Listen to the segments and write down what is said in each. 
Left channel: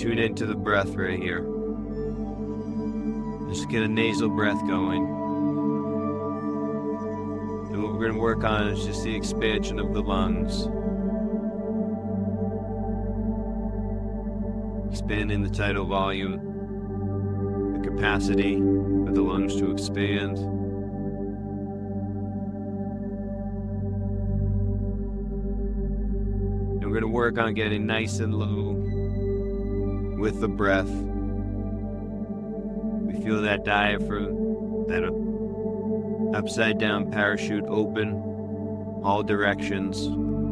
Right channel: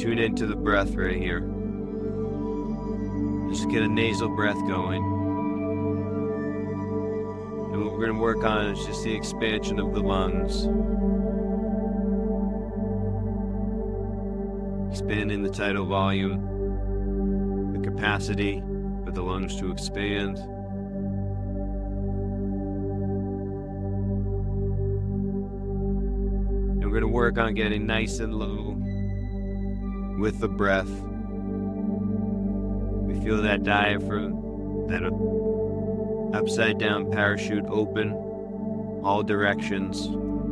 tune into the breath right here. Just get a nasal breath going. And what we're going to work on is just the expansion of the lungs. Expanding the tidal volume, the capacity for the lungs to expand. And we're going to work on getting nice and low with the breath. We feel that diaphragm, that upside down parachute open all directions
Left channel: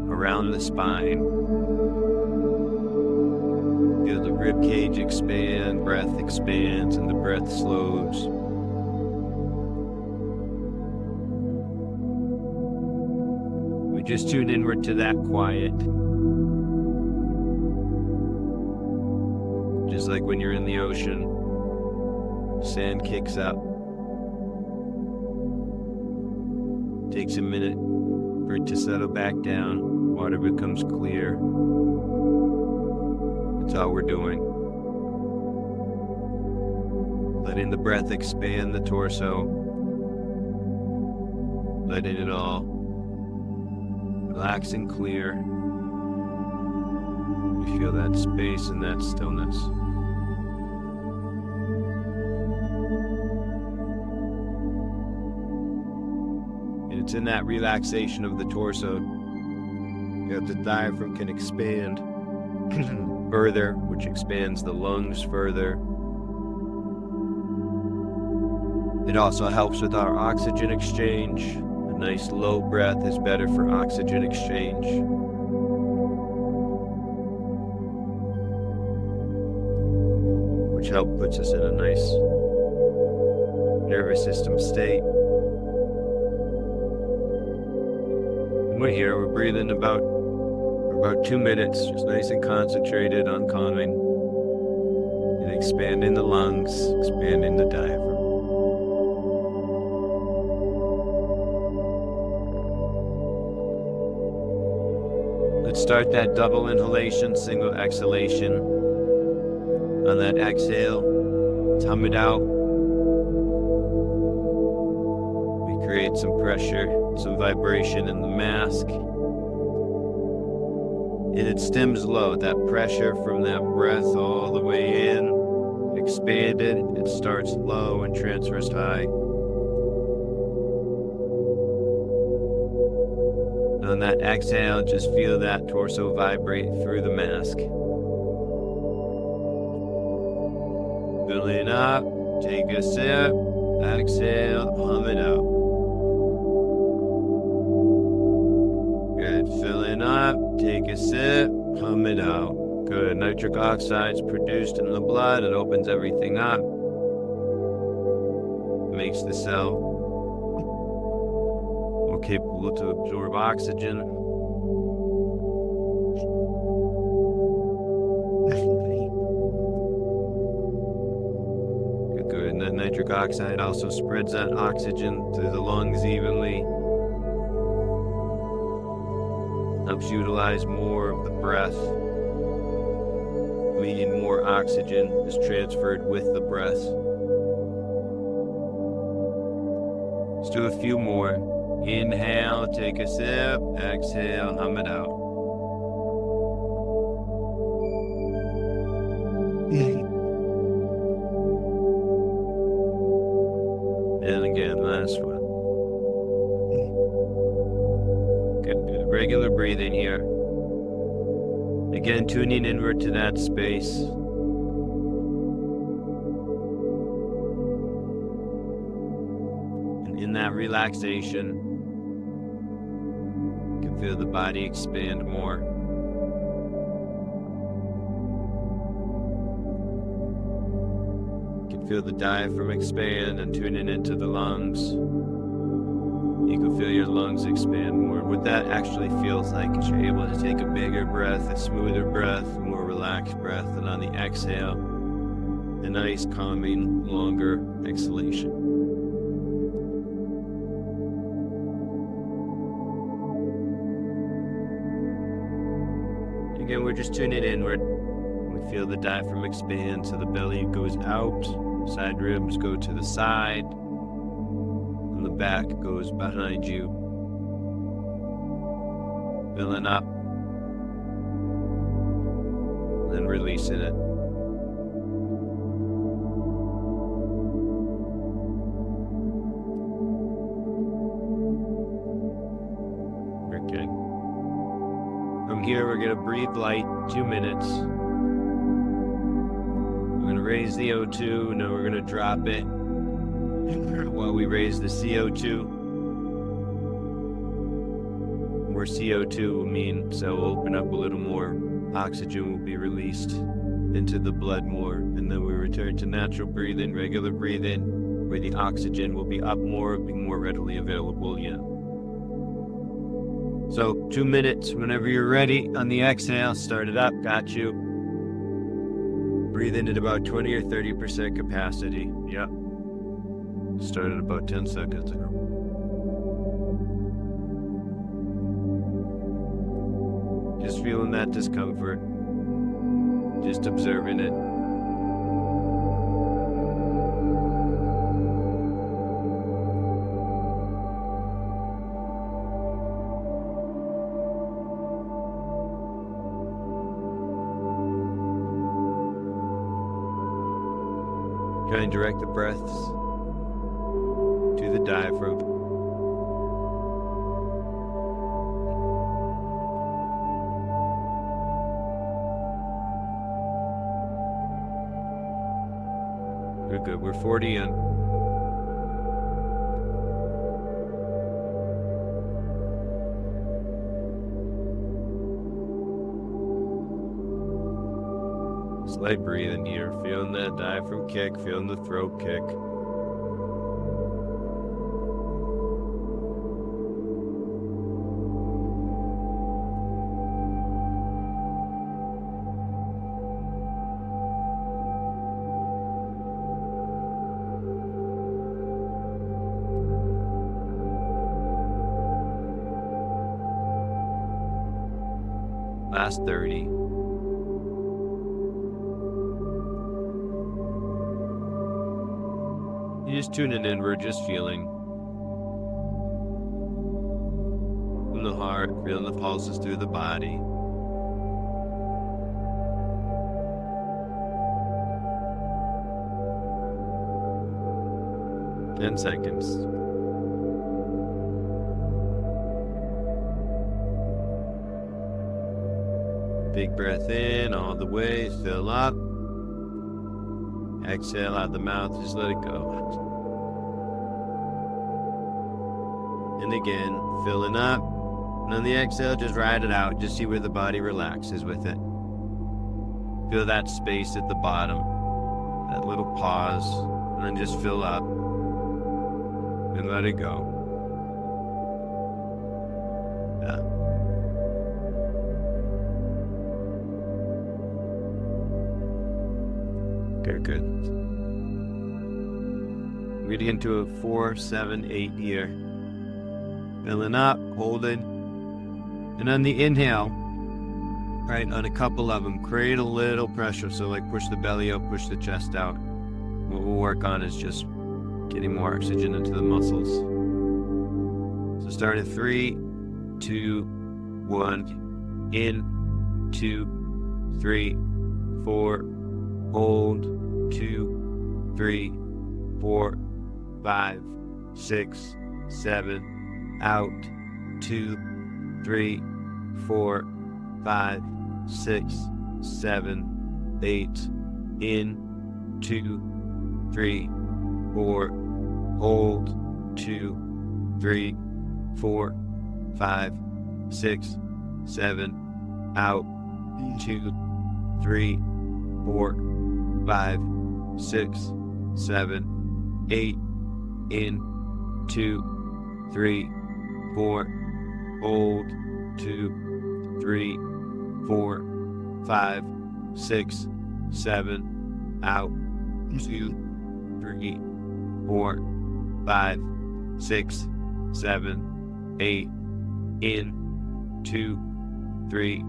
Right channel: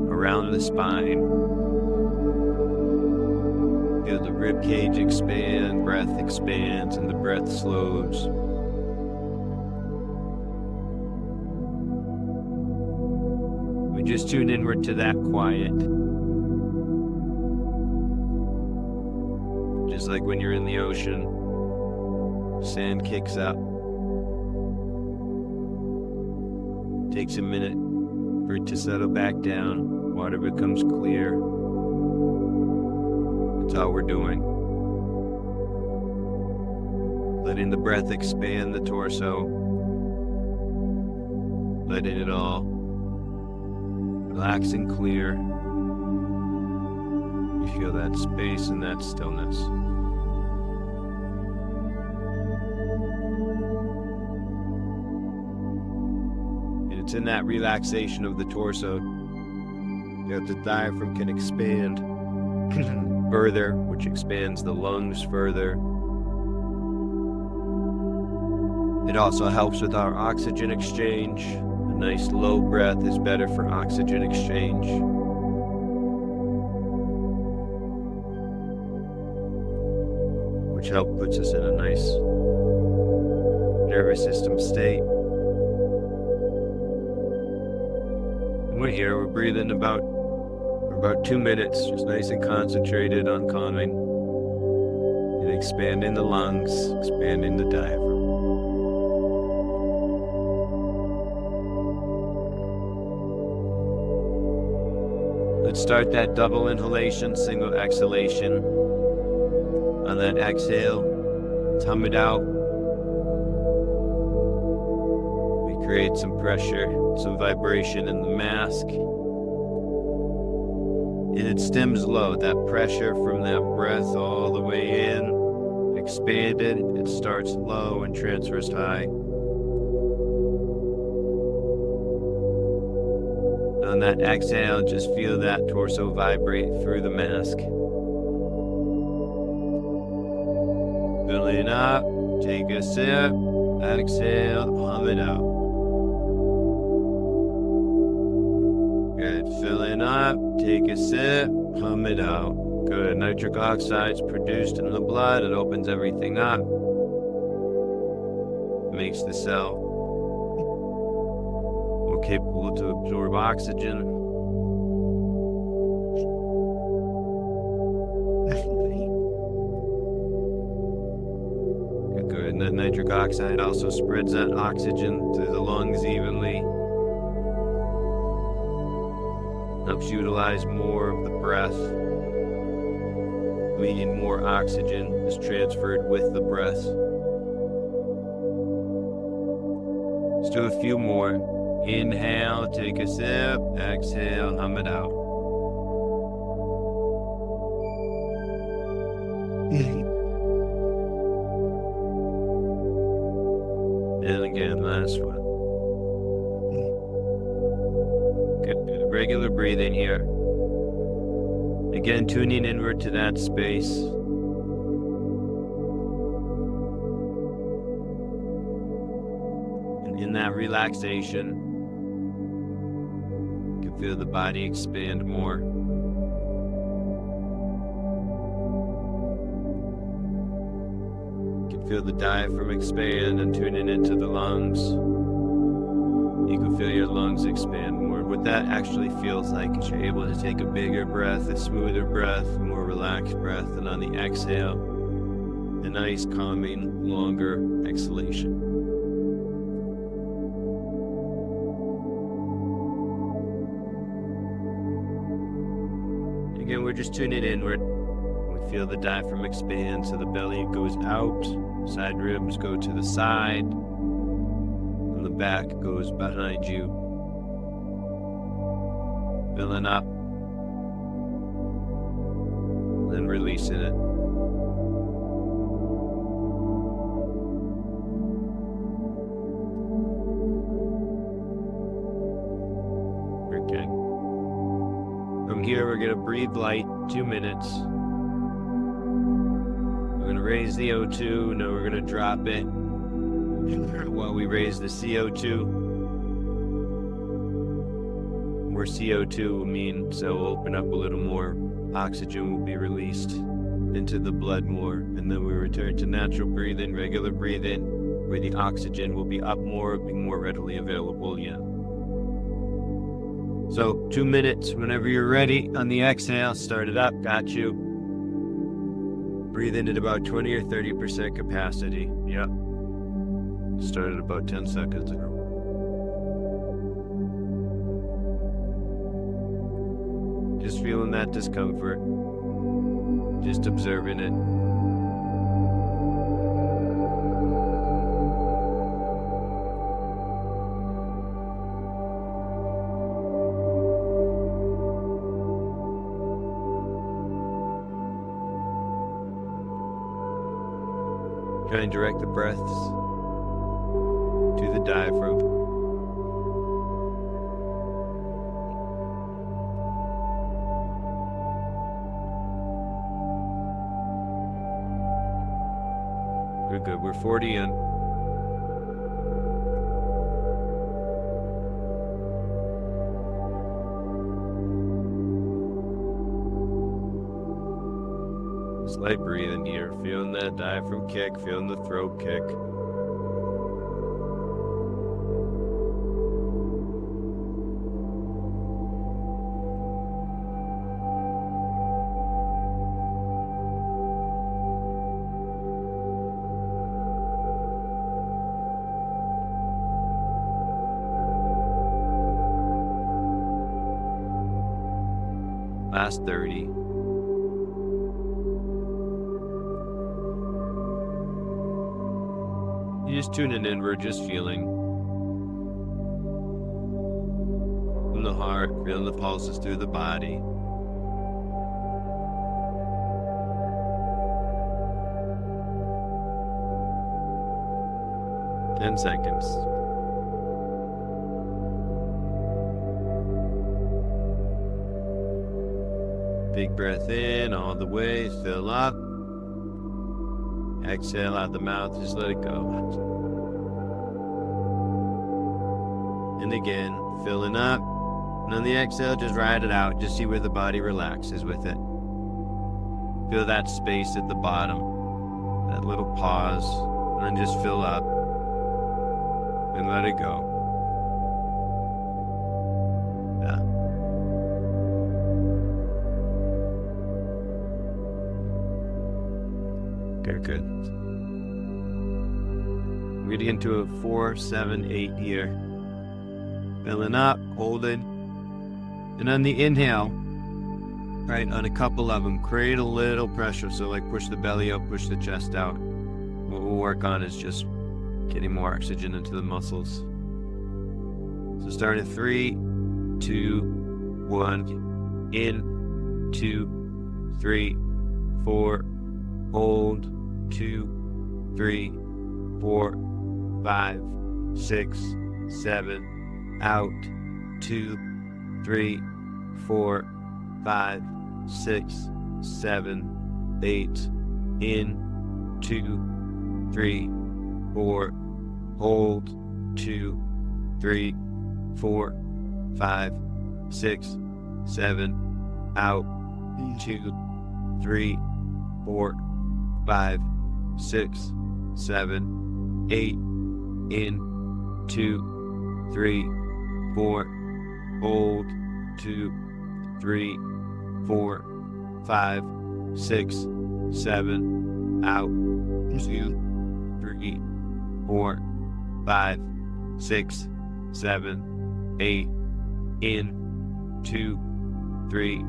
around the spine. Feel the rib cage expand, breath expands, and the breath slows. We just tune inward to that quiet. Just like when you're in the ocean, sand kicks up. Takes a minute for it to settle back down. Water becomes clear. That's all we're doing. Letting the breath expand the torso. Letting it all relax and clear. You feel that space and that stillness. And it's in that relaxation of the torso that the diaphragm can expand further, which expands the lungs further. It also helps with our oxygen exchange. A nice low breath is better for oxygen exchange. Which puts us in a nice nervous system state. And we're here, we're breathing about 2 minutes, just nice and concentrated on calming and expanding the lungs, expanding the diaphragm. Let's start that double inhalation, single exhalation. On that exhale, hum it out. We create some pressure, some vibration in the mask. And it stems low, that pressure from that breath all the way in, expanded, it starts low and transfers high. On that exhale, just feel that torso vibrate through the mask. Filling up, take a sip, exhale, hum it out. Good, filling up, take a sip, hum it out. Good, nitric oxide is produced in the blood, it opens everything up. Makes the cell more capable to absorb oxygen. Good, and that nitric oxide also spreads that oxygen through the lungs evenly. Helps utilize more of the breath, meaning more oxygen is transferred with the breath. Let's do a few more. Inhale, take a sip, exhale, hum it out. And again, last one. Good, regular breathing here. Again, tuning inward to that space. And in that relaxation, you can feel the body expand more. You can feel the diaphragm expand and tuning into the lungs. You can feel your lungs expand more. What that actually feels like is you're able to take a bigger breath, a smoother breath, a more relaxed breath, and on the exhale, a nice, calming, longer exhalation. Again, we're just tuning inward. We feel the diaphragm expand, so the belly goes out, side ribs go to the side, and the back goes behind you. Filling up, then releasing it. Okay. From here, we're going to breathe light, 2 minutes. We're going to raise the O2, and then we're going to drop it while we raise the CO2. More CO2 will mean cell will open up a little more. Oxygen will be released into the blood more, and then we return to natural breathing, regular breathing, where the oxygen will be up more, be more readily available. So 2 minutes, whenever you're ready. On the exhale, start it up, got you. Breathe in at about 20 or 30% capacity. Yep. Started about 10 seconds ago. Just feeling that discomfort. Just observing it. Try and direct the breaths to the diaphragm. Good. We're 40 in. Just light breathing here, feeling that diaphragm kick, feeling the throat kick. Last 30. You're just tuning in, we're just feeling. From the heart, feeling the pulses through the body. Ten seconds. Big breath in all the way, fill up. Exhale out the mouth, just let it go. And again, filling up. And on the exhale, just ride it out. Just see where the body relaxes with it. Feel that space at the bottom, that little pause, and then just fill up and let it go. Yeah. Okay, good. We're getting into a 4, 7, 8 here. Filling up, holding. And on the inhale, right, on a couple of them, create a little pressure. So like push the belly out, push the chest out. What we'll work on is just getting more oxygen into the muscles. So start at 3, 2, 1. In, 2, 3, 4. Hold, 2, 3, 4, 5, 6, 7. Out, 2, 3, 4, 5, 6, 7, 8. In, 2, 3, 4. Hold, 2, 3, 4, 5, 6, 7. Out, 2, 3, 4, 5, 6, 7, 8. In, 2, 3, 4. Hold, 2, 3, 4, 5, 6, 7. Out, 2, 3, 4, 5, 6, 7, 8. In, 2, 3,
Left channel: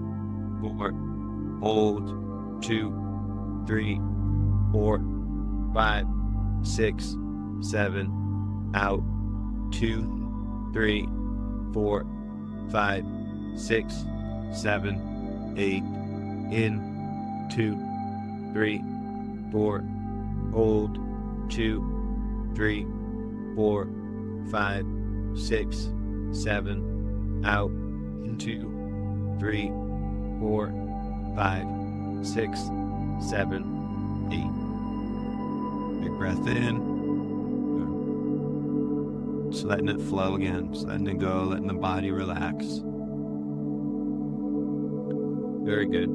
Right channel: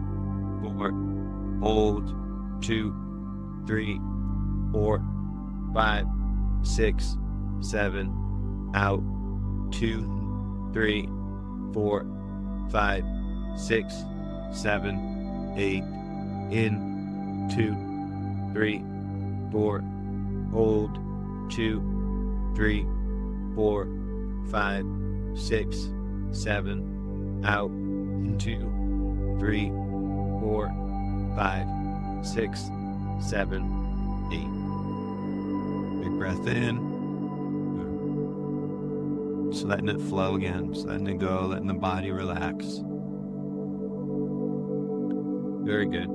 4. Hold, 2, 3, 4, 5, 6, 7, out, 2, 3, 4, 5, 6, 7, 8, in, 2, 3, 4, hold, 2, 3, 4, 5, 6, 7, out, 2, 3, 4, 5, 6, 7, 8. Big breath in. Just letting it flow again, just letting it go, letting the body relax. Very good.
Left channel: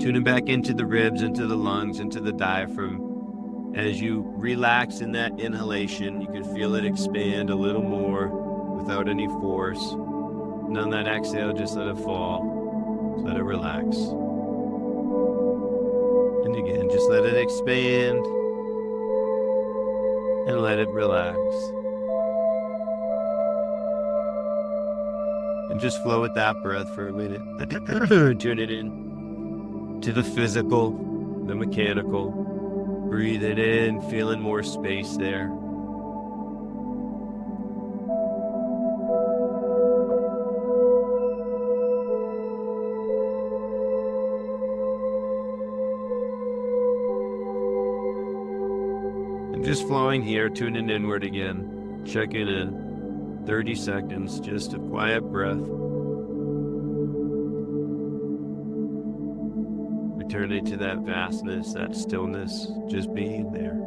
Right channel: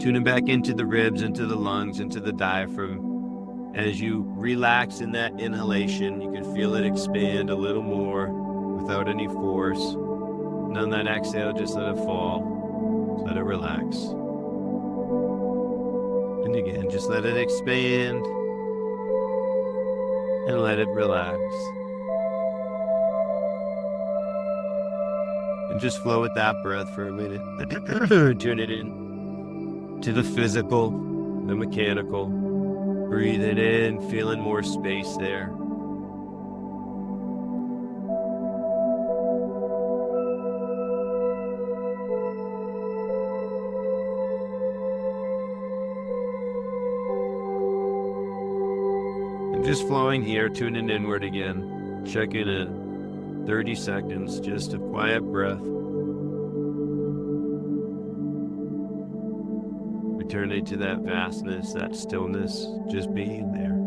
Tuning back into the ribs, into the lungs, into the diaphragm. As you relax in that inhalation, you can feel it expand a little more without any force. And on that exhale, just let it fall. Just let it relax. And again, just let it expand and let it relax. And just flow with that breath for a minute. Tune it in to the physical, the mechanical. Breathe it in, feeling more space there. And just flowing here, tuning inward again. Checking in. 30 seconds, just a quiet breath. Returning to that vastness, that stillness, just being there.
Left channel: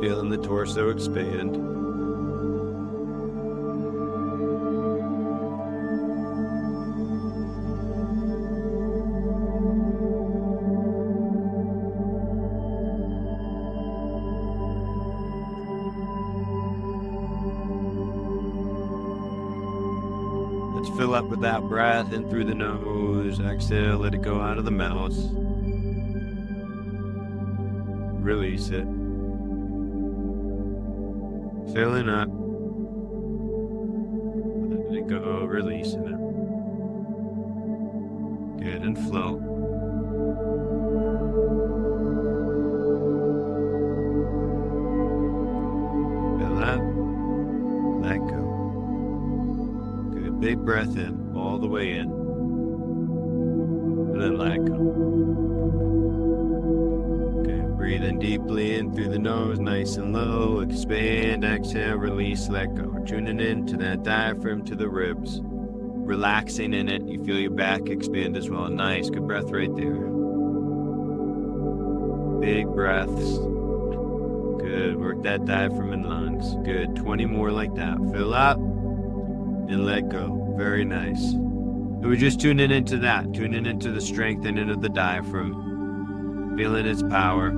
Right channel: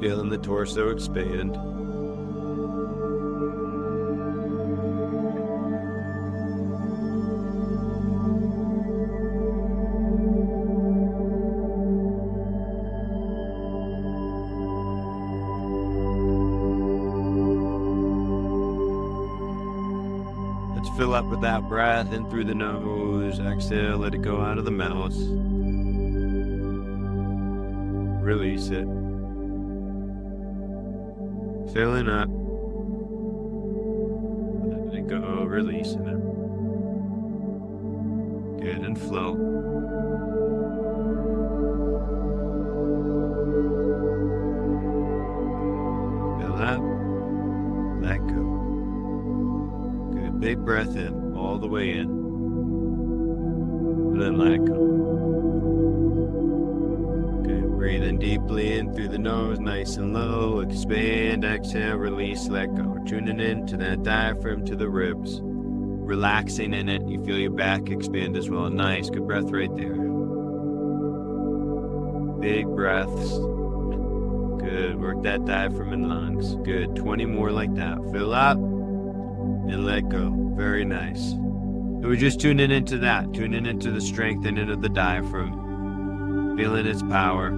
Feeling the torso expand. Let's fill up with that breath in through the nose. Exhale, let it go out of the mouth. Release it. Filling up. Let it go, releasing it. Good, and flow. Fill up. Let go. Good, big breath in, all the way in. And then let go. Breathing deeply in through the nose, nice and low. Expand, exhale, release, let go. Tuning in to that diaphragm, to the ribs. Relaxing in it. You feel your back expand as well. Nice, good breath right there. Big breaths. Good, work that diaphragm and lungs. Good, 20 more like that. Fill up and let go. Very nice. And we're just tuning into that. Tuning into the strengthening of the diaphragm. Feeling its power.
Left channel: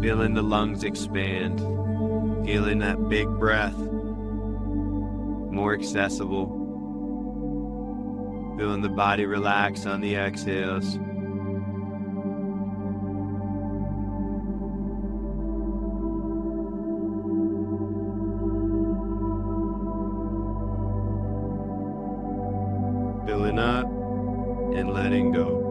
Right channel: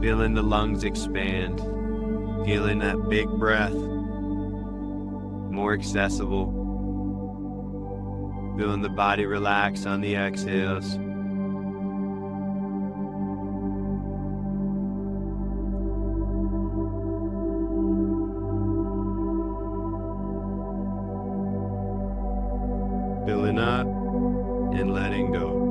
Feeling the lungs expand. Feeling that big breath. More accessible. Feeling the body relax on the exhales. Filling up and letting go.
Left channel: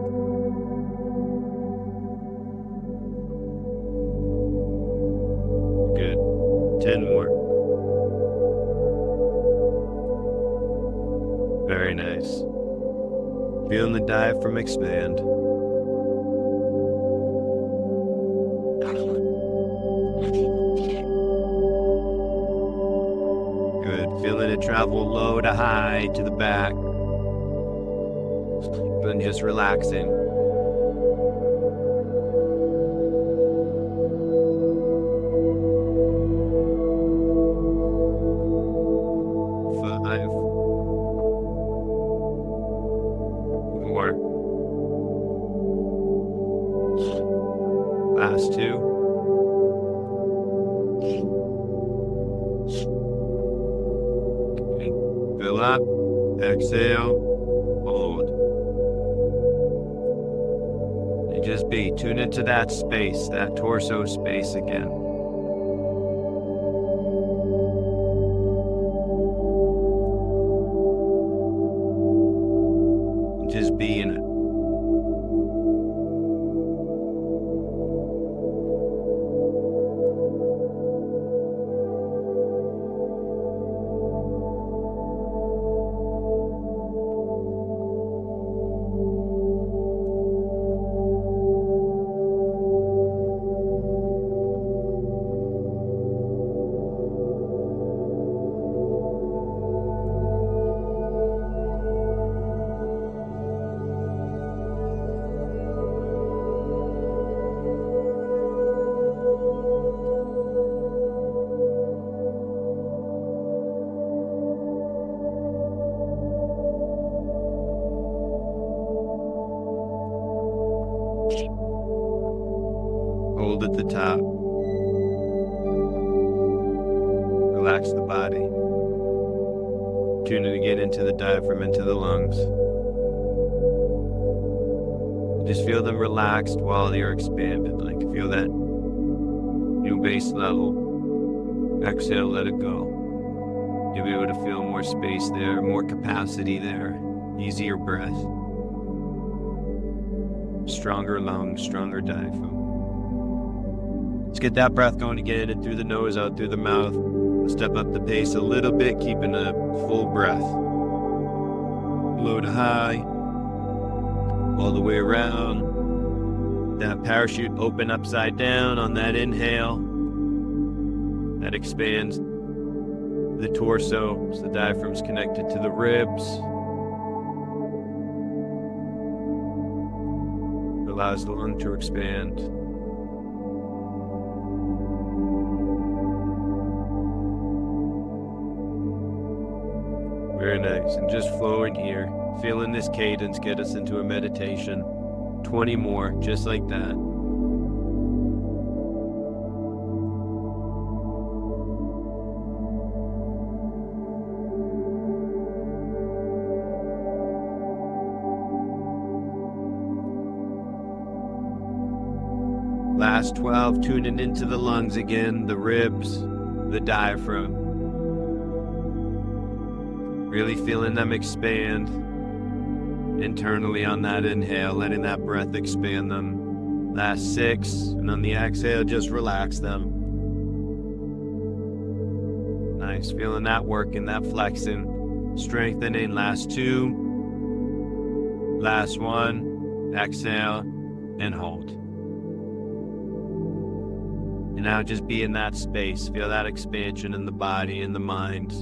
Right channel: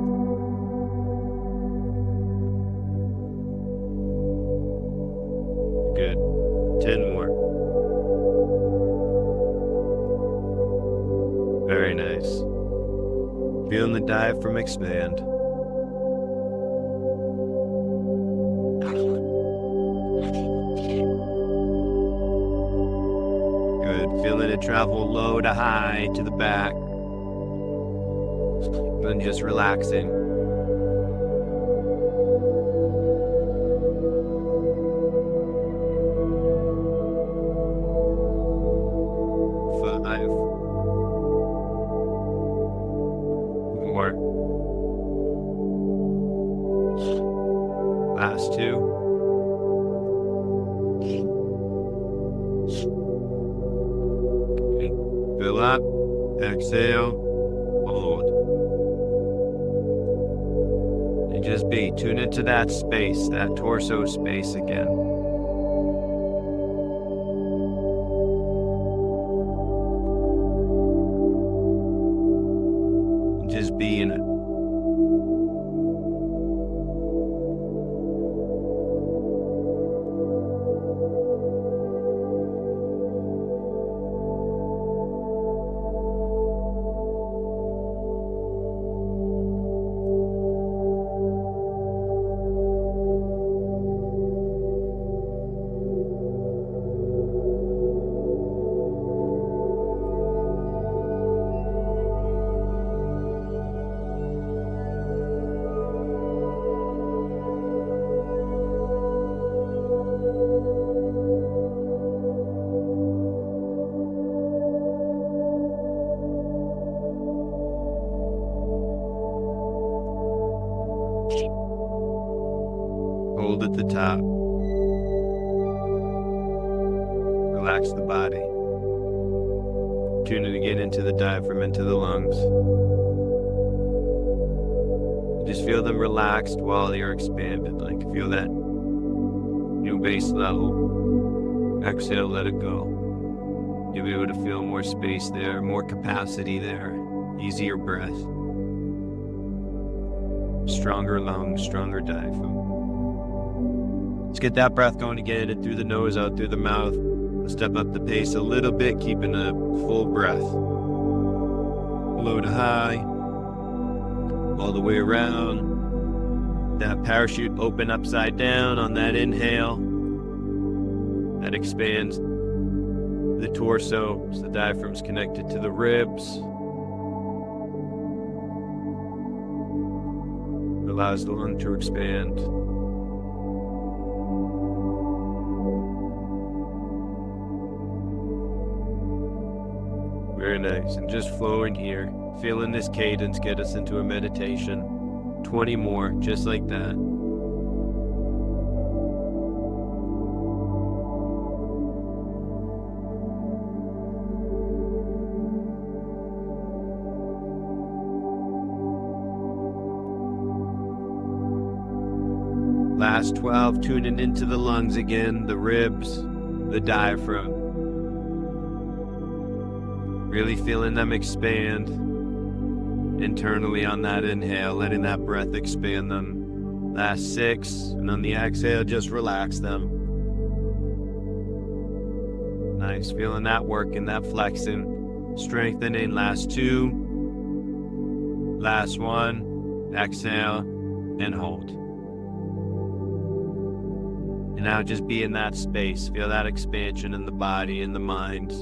Good. 10 more. Very nice. Feeling the diaphragm expand. Good. Feeling it travel low to high to the back. And just relaxing. 5, 4, last 2. Okay. Fill up, exhale, hold. And just be, tune into that space, that torso space again. And just be in it. Hold at the top. Relax the body. Tune it again into the diaphragm, into the lungs. Just feel them relaxed while you're expanded. Like feel that new base level. Exhale, let it go. You'll be able to feel more space there, more capacity there, easier breath. Stronger lungs, stronger diaphragm. Let's get that breath going again, in through the nose, out through the mouth. We'll step up the pace a little bit, keeping a full breath. Low to high, all the way around. That parachute open upside down on that inhale. That expands the torso, so the diaphragm's connected to the ribs. Allows the lung to expand. Very nice. And just flowing here, feeling this cadence get us into a meditation. 20 more, just like that. Last 12, tuning into the lungs again, the ribs, the diaphragm. Really feeling them expand internally on that inhale, letting that breath expand them. Last 6, and on the exhale, just relax them. Nice, feeling that working, that flexing, strengthening. Last 2, last 1, exhale, and hold. And now just be in that space. Feel that expansion in the body, in the mind.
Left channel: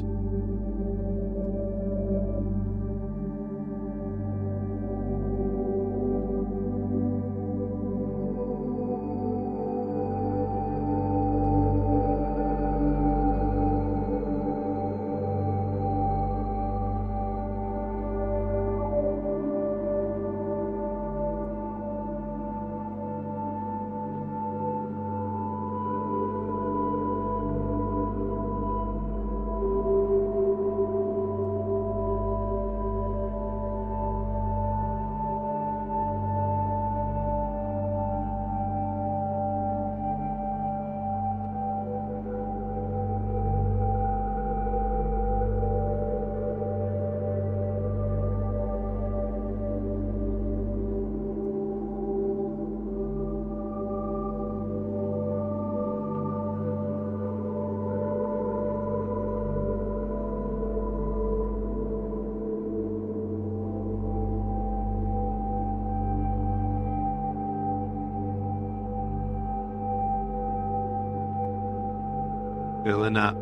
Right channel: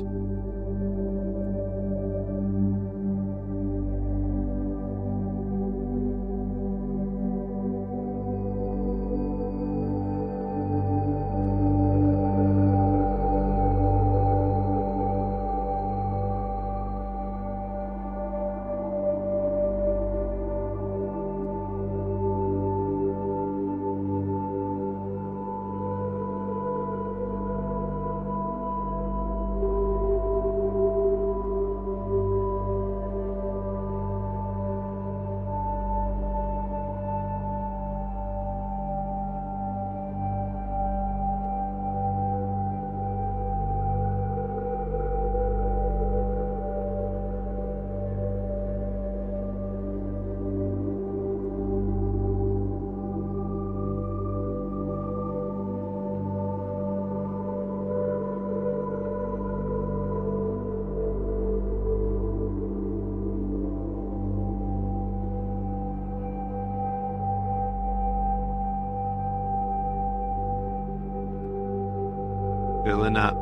Filling up,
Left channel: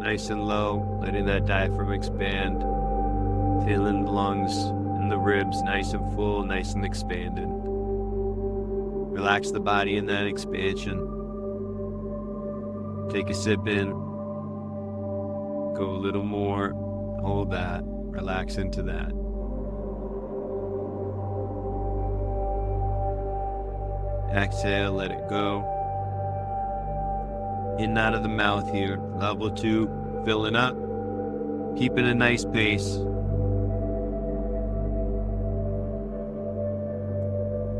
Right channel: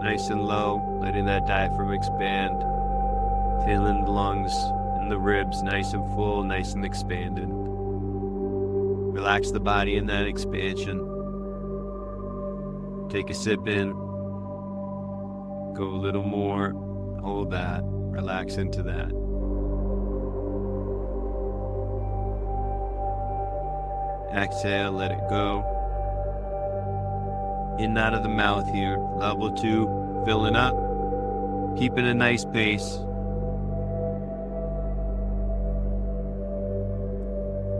nice and low, letting that diaphragm expand. Feeling the lungs and the ribs nice and full, nice and expanded. Relax the body in that expansion. Take a sip in. Go a little more. Hold that. Relax into that. Exhale, let it go. In and out of the mouth here. Level 2, filling up. Keeping a nice pace.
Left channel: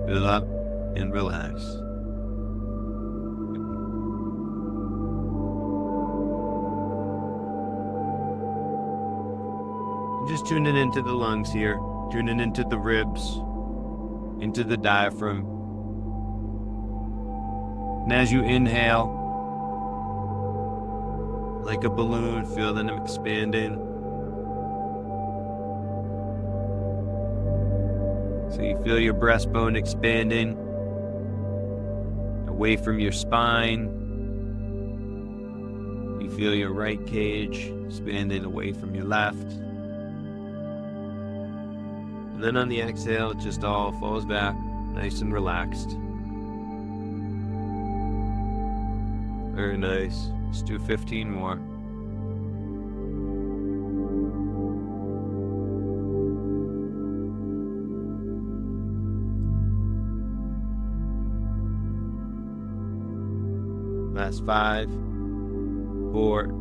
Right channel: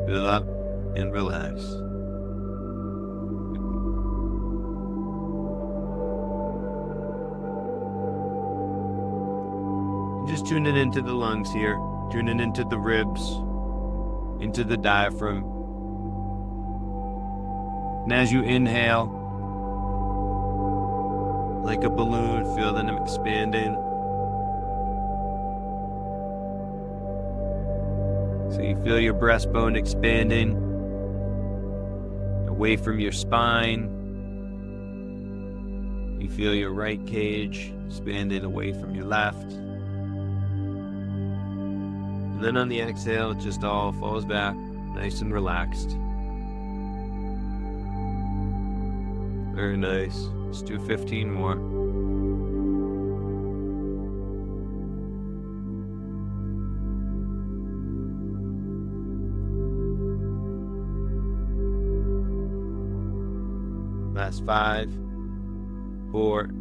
Fill up and relax. Just tuning into the lungs here, tuning into the ribs, into the diaphragm. And as you inhale, like a balloon, feel them expanding. So you feel your breastbone expanding away from your spine. You feel your right cage expanding away from your left. And then on the exhale, it just all falls back, nice and relaxed. Very nice. Let's do 15 more. Last 5, 4,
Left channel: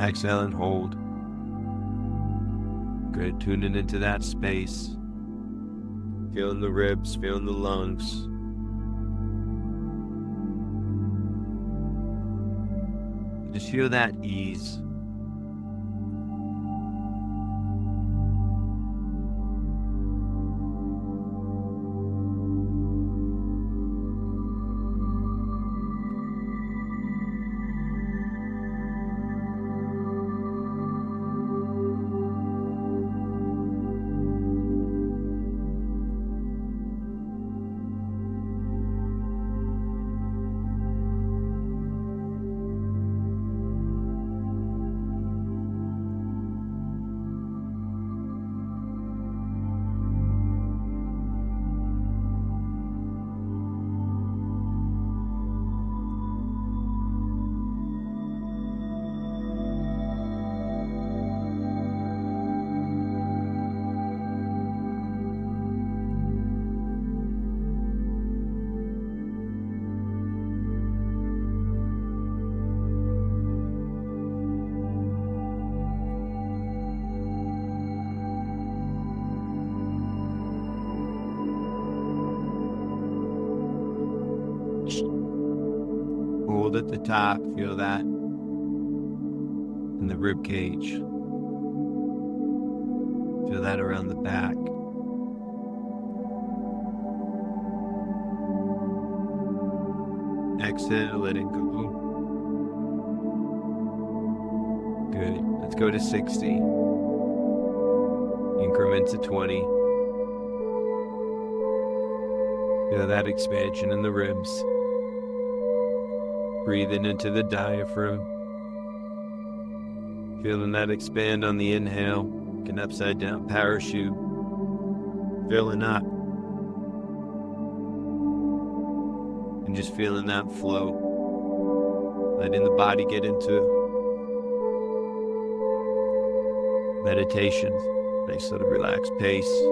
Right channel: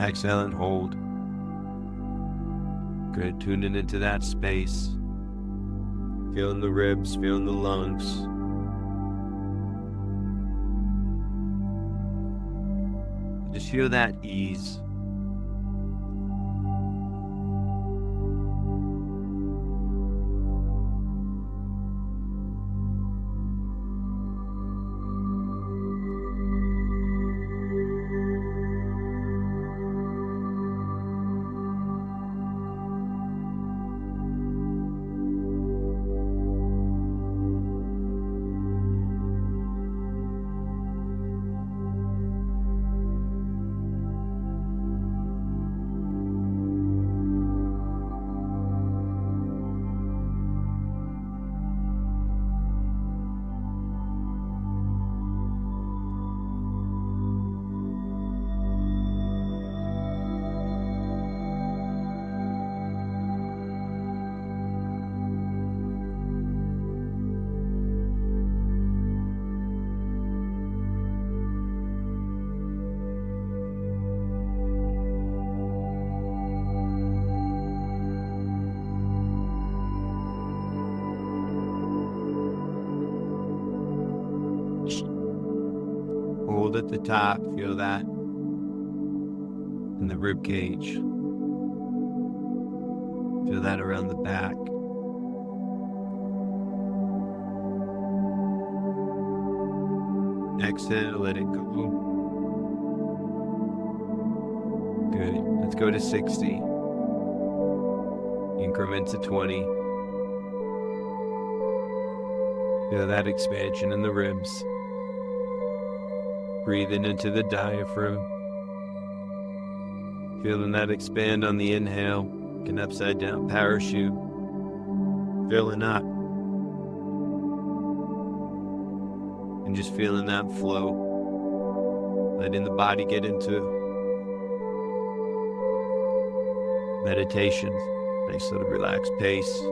exhale and hold. Good, tuning into that space. Feeling the ribs, feeling the lungs. Just feel that ease. Hold at the top, feel that in the rib cage. Feel that around the back. Exhale, let it go. Good. Let's go to 60. Increments of 20. Feel that expansion in the ribs. Breathing into the diaphragm. Feeling that expand on the inhale. Like an upside down parachute. Filling up. And just feeling that flow. Letting the body get into meditation. Nice little relaxed pace.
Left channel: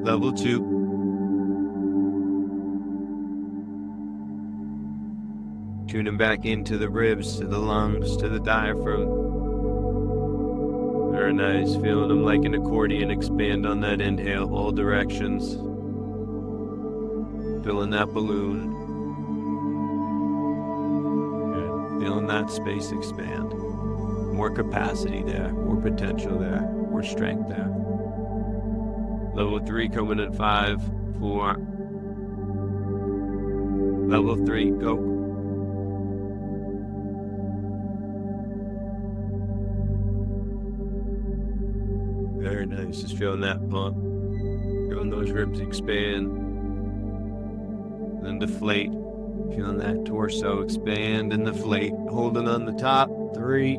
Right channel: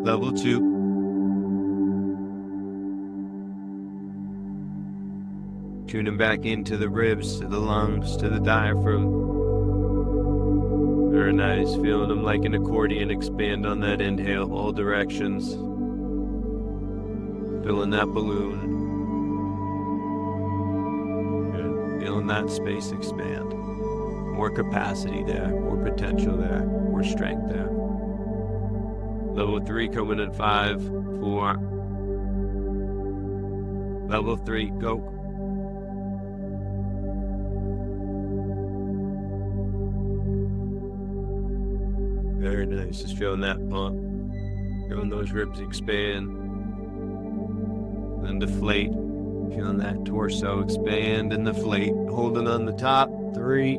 Level 2. Tuning back into the ribs, to the lungs, to the diaphragm. Very nice. Feeling them like an accordion expand on that inhale, all directions. Filling that balloon. Good. Feeling that space expand. More capacity there, more potential there, more strength there. Level 3 coming at 5, 4. Level 3, go. Very nice, just feeling that pump. Feeling those ribs expand. Then deflate. Feeling that torso expand and deflate. Holding on the top. 3,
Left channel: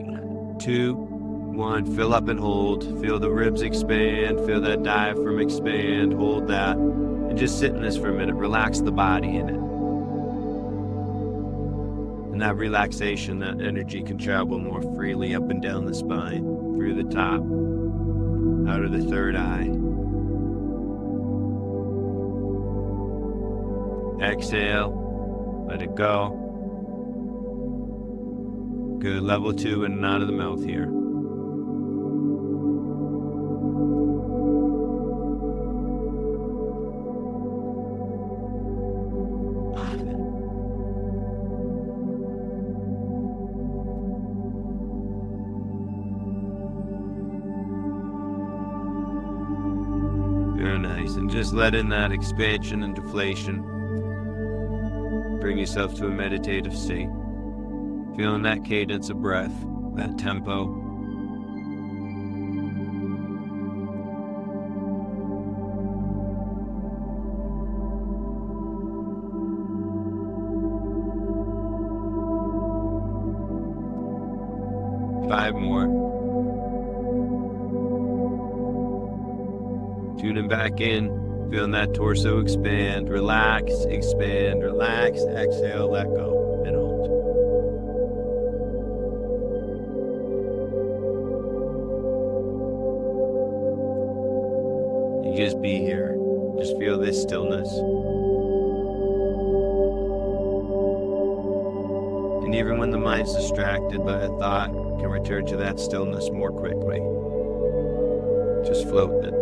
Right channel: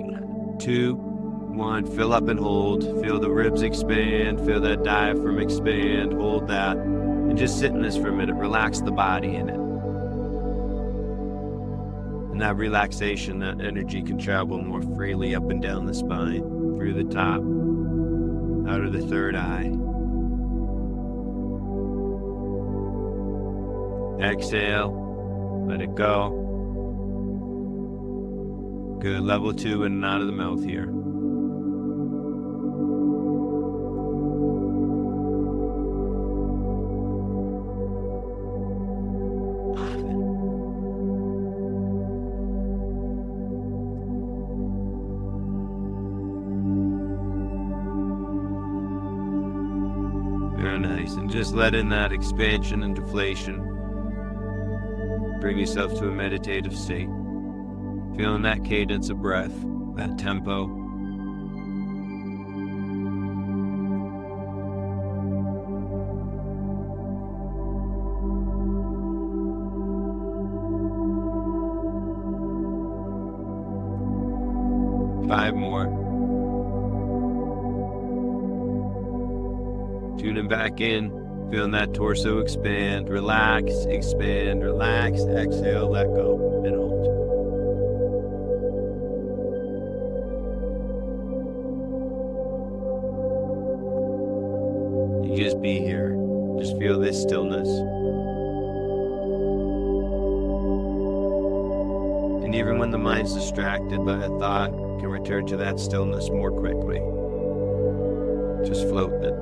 2, 1. Fill up and hold. Feel the ribs expand. Feel that diaphragm expand. Hold that. And just sit in this for a minute. Relax the body in it. And And that relaxation, that energy can travel more freely up and down the spine, through the top, out of the third eye. Exhale, let it go. Good, level 2 in and out of the mouth here. Very nice, and just let in that expansion and deflation. Bring yourself to a meditative state. Feeling that cadence of breath, that tempo. Five more. Tuning back in, feeling that torso expand, relax, expand, relax, exhale, let go, and hold. You just be here. Just feel this stillness. And even when the mind's distracted by a thought, you can return to that stillness more quickly. Just floating it.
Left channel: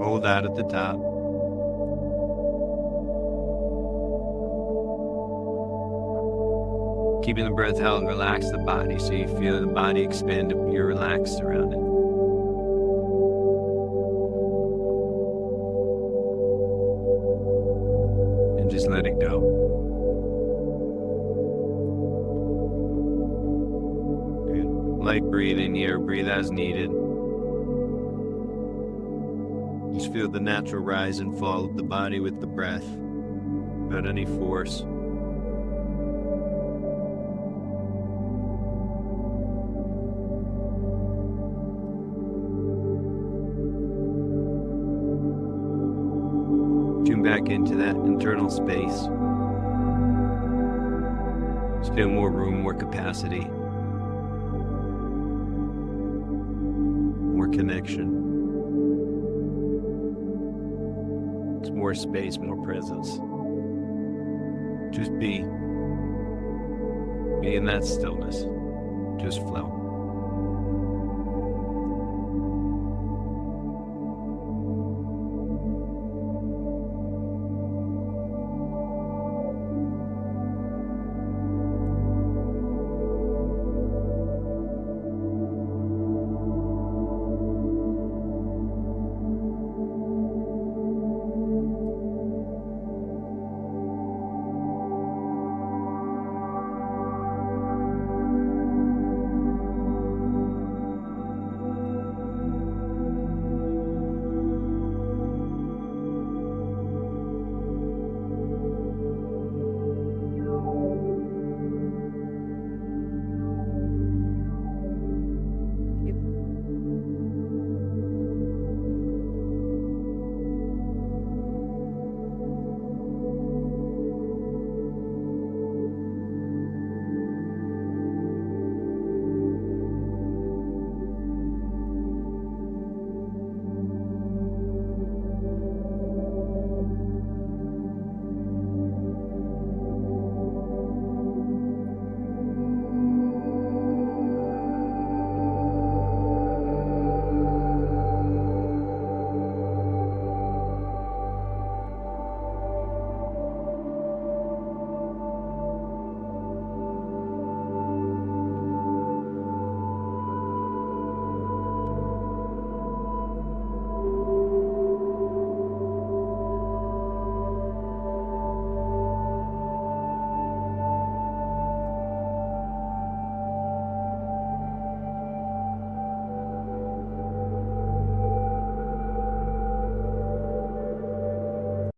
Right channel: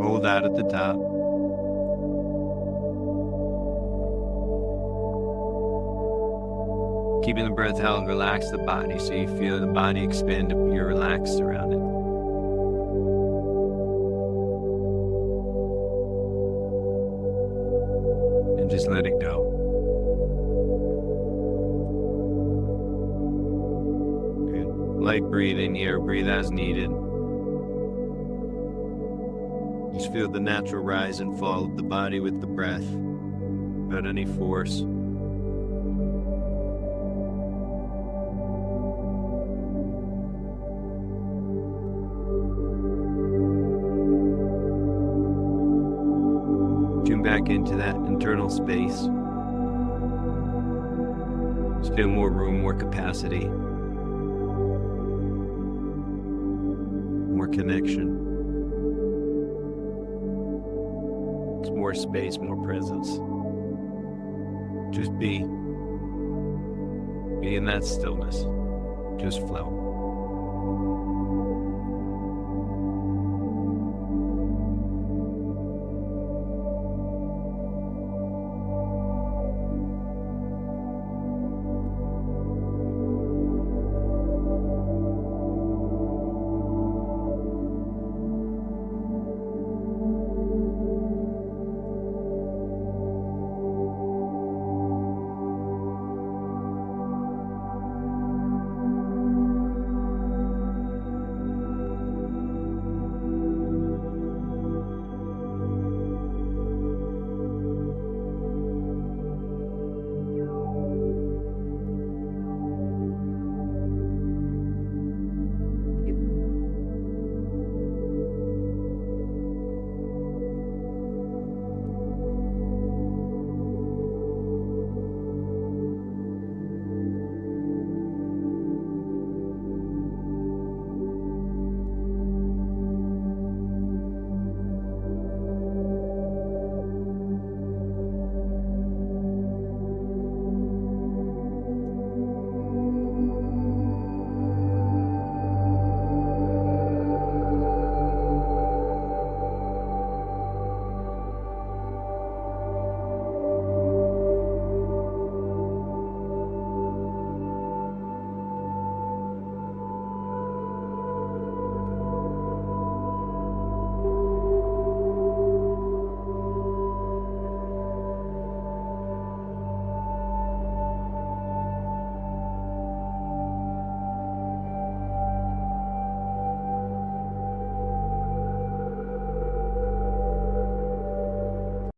Hold out at the top. Keeping the breath held, relax the body so you feel the body expand if you're relaxed around it. And just let it go. Good. Light breathing here, breathe as needed. Just feel the natural rise and fall of the body with the breath, without any force. Tune back into that internal space. Just feel more room, more capacity, more connection. More space, more presence. Just be in that stillness. Just flow.